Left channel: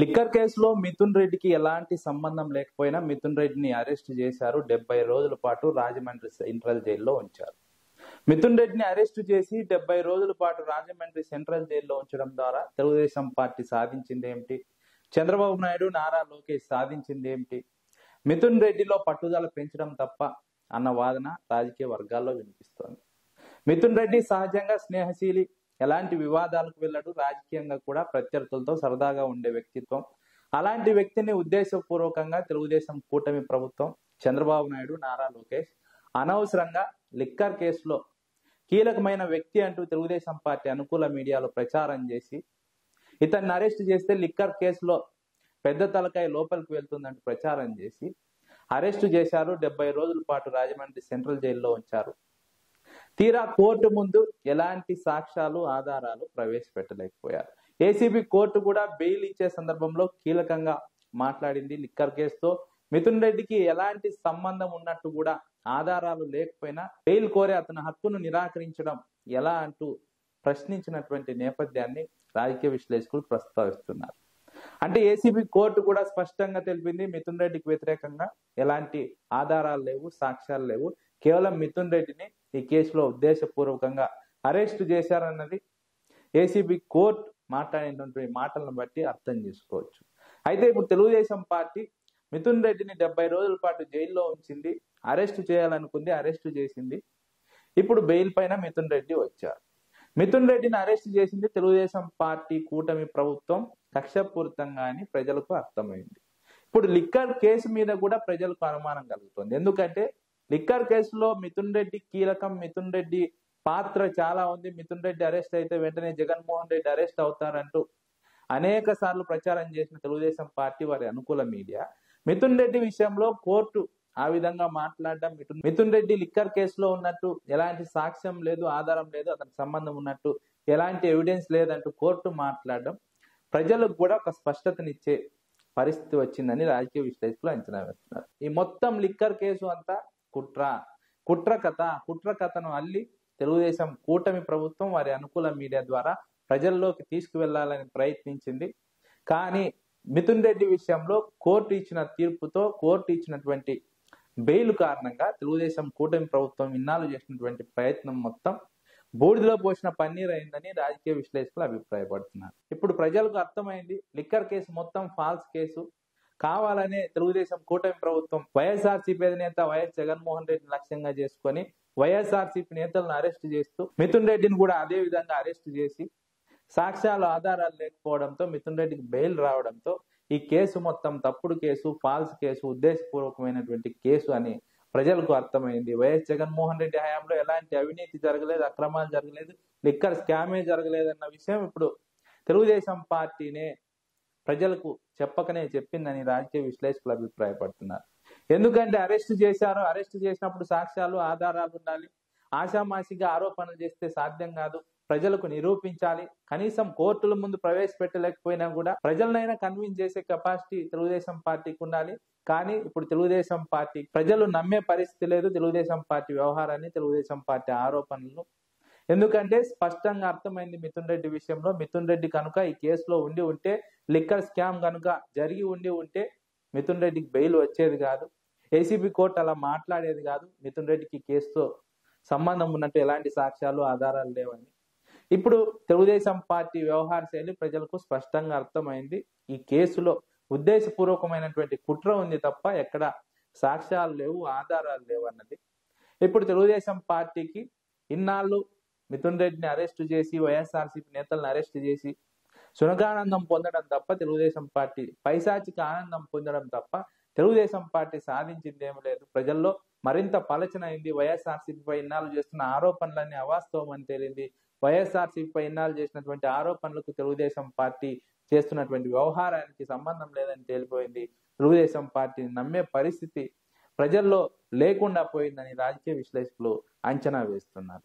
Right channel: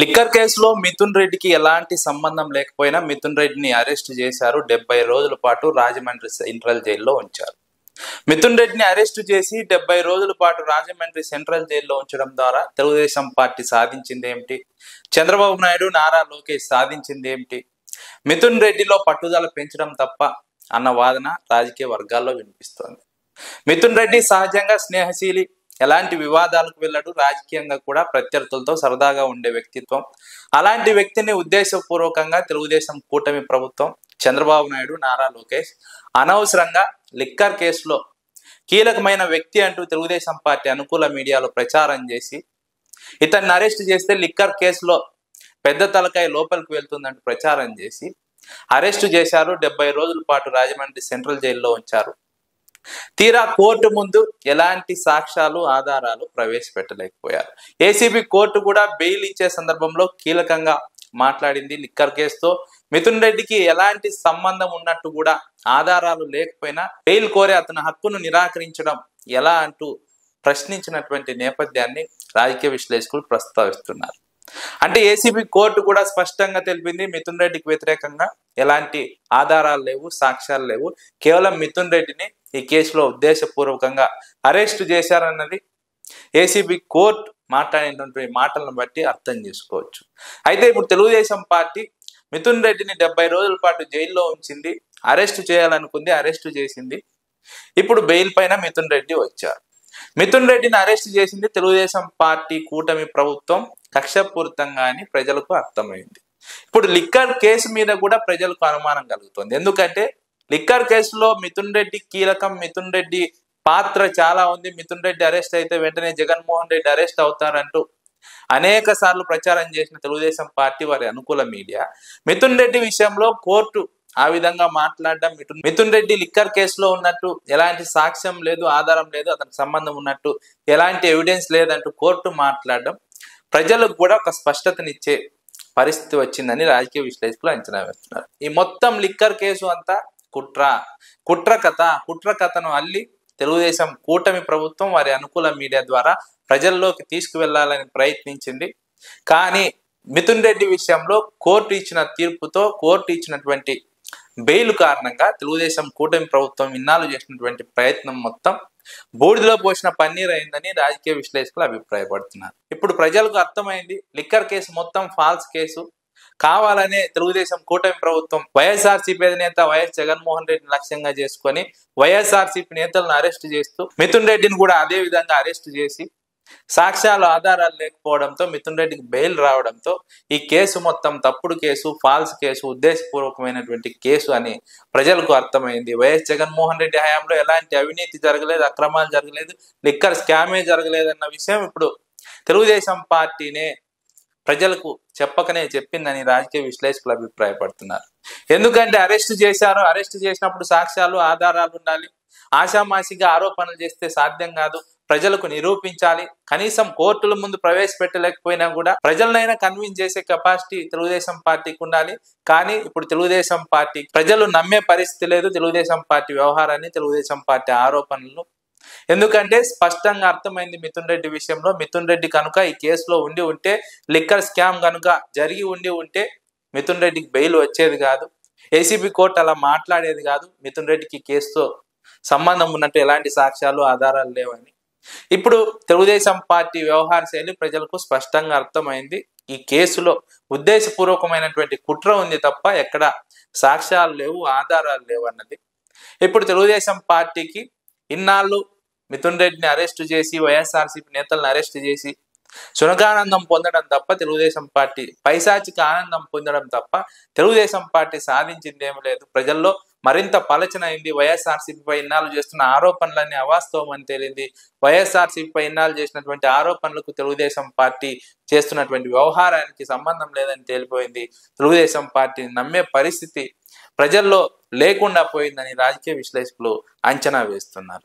Liquor కేసులో మిథున్ రెడ్డికి ఎలాంటి సంబంధం లేకపోయినా మిథున్ రెడ్డిని అరెస్ట్ చేశారు. 70 రోజుల పాటు రాజమండ్రి సెంట్రల్ జైల్లో ఉంచారు. మిథున్ రెడ్డిని అరెస్టు చేసి 70 రోజుల పాటు రాజమండ్రి సెంట్రల్ జైల్లో ఉంచడం ద్వారా తెలుగుదేశం పార్టీ సాధించింది ఏమిటి? చంద్రబాబు నాయుడు, నారా లోకేష్ సాధించింది ఏమిటి? మిథున్ రెడ్డిలో పట్టుదల పెంచడం తప్ప అన్న వాదన రాజకీయ వర్గాల్లో వినిపిస్తోంది. మిథున్ రెడ్డి సహజంగా స్నేహశీలి, ఎలాంటి వివాదాలకు వెళ్ళడు, రాజకీయంగా కూడా ప్రత్యర్థులతో సరదాగా ఉండే వ్యక్తిత్వం. అలాంటి వ్యక్తిని ఉద్దేశపూర్వకంగా తెలుగుదేశం కూటమి ప్రభుత్వం, చంద్రబాబు నాయుడు, నారా లోకేష్ అనవసరంగా లిక్కర్ కేసులో కీలకమైన వ్యక్తి అంటూ తెలుగుదేశం పార్టీ అనుకూల మీడియాలో ప్రచారం చేసి ఇతన్ని అరెస్ట్ చేస్తే లిక్కర్ కేసులో పెద్ద తలకాయ లోపలికి వెళ్తుందంటూ ప్రచారం చేసి అరెస్టు చేశారు. 70 రోజుల పాటు రాజమండ్రి సెంట్రల్ జైల్లో ఉంచారు. తీరా కోర్టు ముందు ఎలాంటి సాక్ష్యాలు, ఆధారాలు ప్రవేశపెట్టలేకపోయారు. ఏసీబీ కోర్టు కూడా బెయిల్ ఇచ్చే సందర్భంలో కీలకంగా మాట్లాడింది. లిక్కర్ కేసుతో మిథున్ రెడ్డికి ఎలాంటి సంబంధం ఉన్నట్టు కూడా ఆధారాలు లేకపోయినా బెయిల్ కోరే అతని హక్కును నిరాకరించడం ఎలా అంటూ ప్రశ్నించినటువంటి నేపథ్యాన్ని రాజకీయ విశ్లేషకులు ప్రస్తావిస్తున్నారు. అంటే ఏసీబీ కోర్టు కూడా స్పష్టంగా తెలిపింది, మిథున్ రెడ్డికి వ్యతిరేకంగా ఎలాంటి ఆధారాలు లేవు, సాక్ష్యాలు లేవు, కేవలం మిథున్ రెడ్డిని ఈ కేసులో ఉద్దేశపూర్వకంగా అరెస్టు చేశారన్నది ఏసీబీ కోర్టు మాట్లాడినటువంటి మాటలను బట్టి అర్థం చేసుకోవచ్చు. అయితే ఇప్పుడు తెలుగుదేశం పార్టీ మిథున్ రెడ్డిని 70 రోజుల పాటు జైల్లో ఉంచింది, అరెస్టు చేయాలనుకుంది, అరెస్టు చేసింది. ఇప్పుడు బెయిల్ పైన మిథున్ రెడ్డి వచ్చారు. మిథున్ రెడ్డిని అరెస్ట్ చేసింది తెలుగుదేశం పార్టీ కూటమి ప్రభుత్వం కక్షపూరితంగా అని ప్రజలకు అర్థమైంది. ఇప్పుడు లిక్కర్ కేసు మీద కూడా ప్రజలకు అనుమానం కలుగుతుంది. ఎందుకంటే లిక్కర్ కేసులో మిథున్ రెడ్డి కీలకం, మిథున్ రెడ్డి పాత్ర చాలా ఉంది. మిథున్ రెడ్డి అరెస్ట్ అయితే వెంటనే జగన్మోహన్ రెడ్డి అరెస్ట్ అవుతారంటూ అనేక సార్లు ప్రచారం చేసిన తెలుగుదేశం పార్టీ, వారి అనుకూల మీడియా మిథున్ రెడ్డి విషయంలో కోర్టు ఆ విధంగా మాట్లాడడం, మిథున్ రెడ్డి లిక్కర్ కేసులో ఉన్నట్టు ఎలాంటి సాక్ష్యం లేదు, ఆధారం లేదు, అతనికి సంబంధం ఉన్నట్టు ఎలాంటి ఎవిడెన్స్ లేదంటూ కోర్టు మాట్లాడడం ప్రజలకు కూడా ఒక స్పష్టతనిచ్చే పరిస్థితి వచ్చిందని రాజకీయ విశ్లేషకులు అంచనా వేస్తున్నారు. ఈ మొత్తం లిక్కర్ కేసు అంతా కుట్ర కథను అల్లి తెలుగుదేశం కూటమి ప్రభుత్వం వారి అనుకూల మీడియా ద్వారా ప్రజల్లోకి తీసుకువెళ్లాలని ప్రయత్నించింది. కానీ మిథున్ రెడ్డి విషయంలో కోర్టు ఇచ్చిన తీర్పుతో, కోర్టు ఇచ్చినటువంటి బెయిల్ కారణంగా తెలుగుదేశం కూటమి ప్రభుత్వం ఇన్నాళ్ళు చేసినటువంటి ప్రయత్నం మొత్తం బూడిదలో పోసిన పన్నీర్ అయిందని రాజకీయ విశ్లేషకులు అభిప్రాయపడుతున్నారు. ఇప్పుడు ప్రజలకు అర్థమైంది, లిక్కర్ కేసు మొత్తం ఫాల్స్ కేసు. కావాలనే తెలుగుదేశం కూటమి ప్రభుత్వం వైఎస్ఆర్సీపీ అధినేత వైఎస్ జగన్మోహన్ రెడ్డిని లక్ష్యంగా చేసుకొని వైఎస్ఆర్సీపీ నేతలను అరెస్ట్ చేస్తూ మిథున్ రెడ్డిని కూడా అదే విధంగా అరెస్ట్ చేసి సాక్ష్యాలు, ఆధారాలు లేకపోవడంతో మిథున్ రెడ్డికి బెయిల్ రావడంతో ఈ కేసు మొత్తం తప్పుడు కేసు, ఫాల్స్ కేసు, ఉద్దేశపూర్వకమైనటువంటి కేసు అని ప్రజలకు అర్థమైంది. వైఎస్ జగన్మోహన్ రెడ్డి హయాంలో ఎలాంటి అవినీతి జరగలేదు, అక్రమాలు జరగలేదు, లిక్కర్ స్కామే జరగలేదు అన్న విషయం ఇప్పుడు తెలుగుదేశం పార్టీనే ప్రజలకు చెప్పకనే చెప్పిందని రాజకీయ విశ్లేషకులు అభిప్రాయపడుతున్నారు. ఎందుకంటే అరెస్ట్ చేశారు, అరెస్ట్ చేసినప్పుడు సాక్ష్యాలు, ఆధారాలు ఉండాలి. ఆషామాషిగా ఆరోపణలు చేస్తే సాధ్యం కాదు, ప్రజలకు నిరూపించాలి. కనీసం కోర్టుల ముందు ప్రవేశపెట్టలేకపోయినా కూడా ప్రజలనైనా కన్విన్స్ చేసే కెపాసిటీ తెలుగుదేశం పార్టీకి ఉండాలి. కానీ ఇప్పుడు తెలుగుదేశం పార్టీ ప్రజలు నమ్మే పరిస్థితి లేదు తెలుగుదేశం పార్టీ వ్యవహారాన్ని, తెలుగుదేశం పార్టీ ఆరోపణలను. ఎందుకంటే స్పష్టంగా అర్థమైంది మిథున్ రెడ్డి విషయంలో, మిథున్ రెడ్డి కనుక ఈ కేసులో ఉండి ఉంటే, లిక్కర్ స్కామ్ కనుక జరిగి ఉండి ఉంటే మిథున్ రెడ్డికి బెయిల్ వచ్చేది కాదు, ఏసీబీ కోర్టు అలా మాట్లాడేది కాదు. మిథున్ రెడ్డికి కేసుతో సంబంధం ఉన్నట్టు ఎలాంటి సాక్ష్యాలు, ఆధారాలు లేవని. ఇప్పుడు తెలుగుదేశం పార్టీ వ్యవహార శైలి ప్రజలకు స్పష్టంగా అర్థమైంది. ఈ కేసులో ఉద్దేశపూర్వకమైనటువంటి కుట్ర ఉంది తప్ప ఎక్కడ సాక్ష్యాలు లేవు, ఆధారాలు లేవు అన్నది. ఇప్పుడు తెలుగుదేశం పార్టీకి ఇన్నాళ్ళు మిథున్ రెడ్డిని అరెస్టు చేసి, వైఎస్ఆర్సీపీ నేతలను అరెస్టు చేసి సునకానందం పొందడం తప్ప, తెలుగుదేశం పార్టీ పైశాచిక ఆనందం పొందడం తప్ప తెలుగుదేశం పార్టీ సాధించింది ఏమీ లేదు. ప్రజల్లో మరింత పలచనైంది. వైఎస్ఆర్సీపీపై ఇన్నాళ్ళు చేస్తున్న ఆరోపణలన్నీ అవాస్తవం అని తేలింది. వైఎస్ఆర్సీపీపై ఇన్నాళ్ళు చేసినటువంటి ఆరోపణలకు తెలుగుదేశం పార్టీ చేస్తున్నటువంటి వ్యవహారానికి సంబంధం లేదని తేలిపోయింది. తెలుగుదేశం పార్టీని నమ్మే పరిస్థితి ప్రజల్లో లేకుండా పోయిందని రాజకీయ విశ్లేషకులు అంచనా వేస్తున్నారు.